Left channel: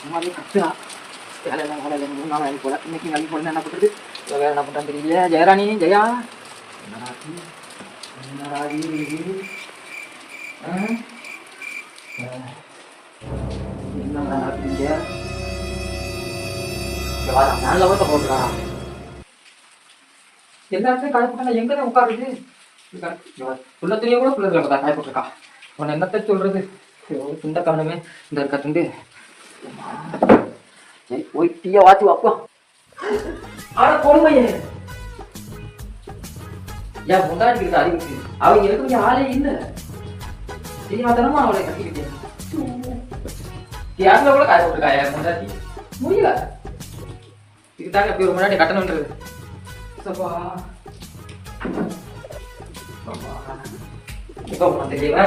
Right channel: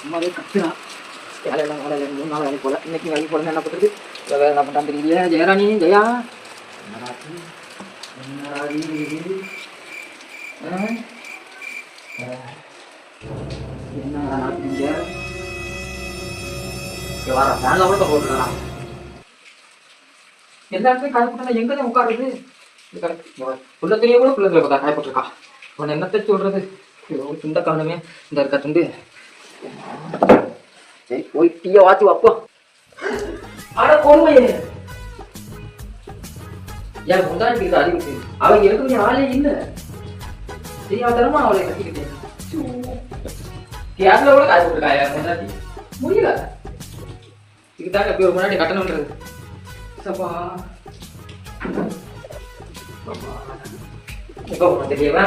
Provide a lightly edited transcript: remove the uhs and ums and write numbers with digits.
சும்மாவே கத்துறா. வேலையெல்லாம் வேலை 3 நாள் வேலைக்கு போல. இன்னைக்கு வேலைக்கு போல என்ன பண்ணுறது? வேலை என்ன பண்ணுறான்னு தெரியல. ஜெயராணி, ஜெயா என்னடா இது? என்னடா நடக்குதுங்க? வாடா, நான் கூட போட்டுடா. எல்லா இடத்துலையும் காய போட்டா எங்கே தான் உட்காருது? புள்ள துணியை கூட பிள்ளை பார்த்தா காய போட்டிருக்கா. அவன் என்னத்தை சொல்றது? துண்ட காரணமே இந்த இருக்கா துண்டு. சரி போய் டீயை வாத்தி வாப்போ. ஆட போடுமையே ஏன் முந்தாடிக்கிட்டு அறிவிச்சு அவன் எனக்கு ஆளே இல்லை. தெரியாதனமா அவளை கட்டிக்கிட்டு யாருல கூட காய போட்டுருக்காயா முந்தாடி முடியல. இதுதாங்க எப்படி ஒரு முன்னாடி கட்டணுன்றது. சப்பா தெரியவா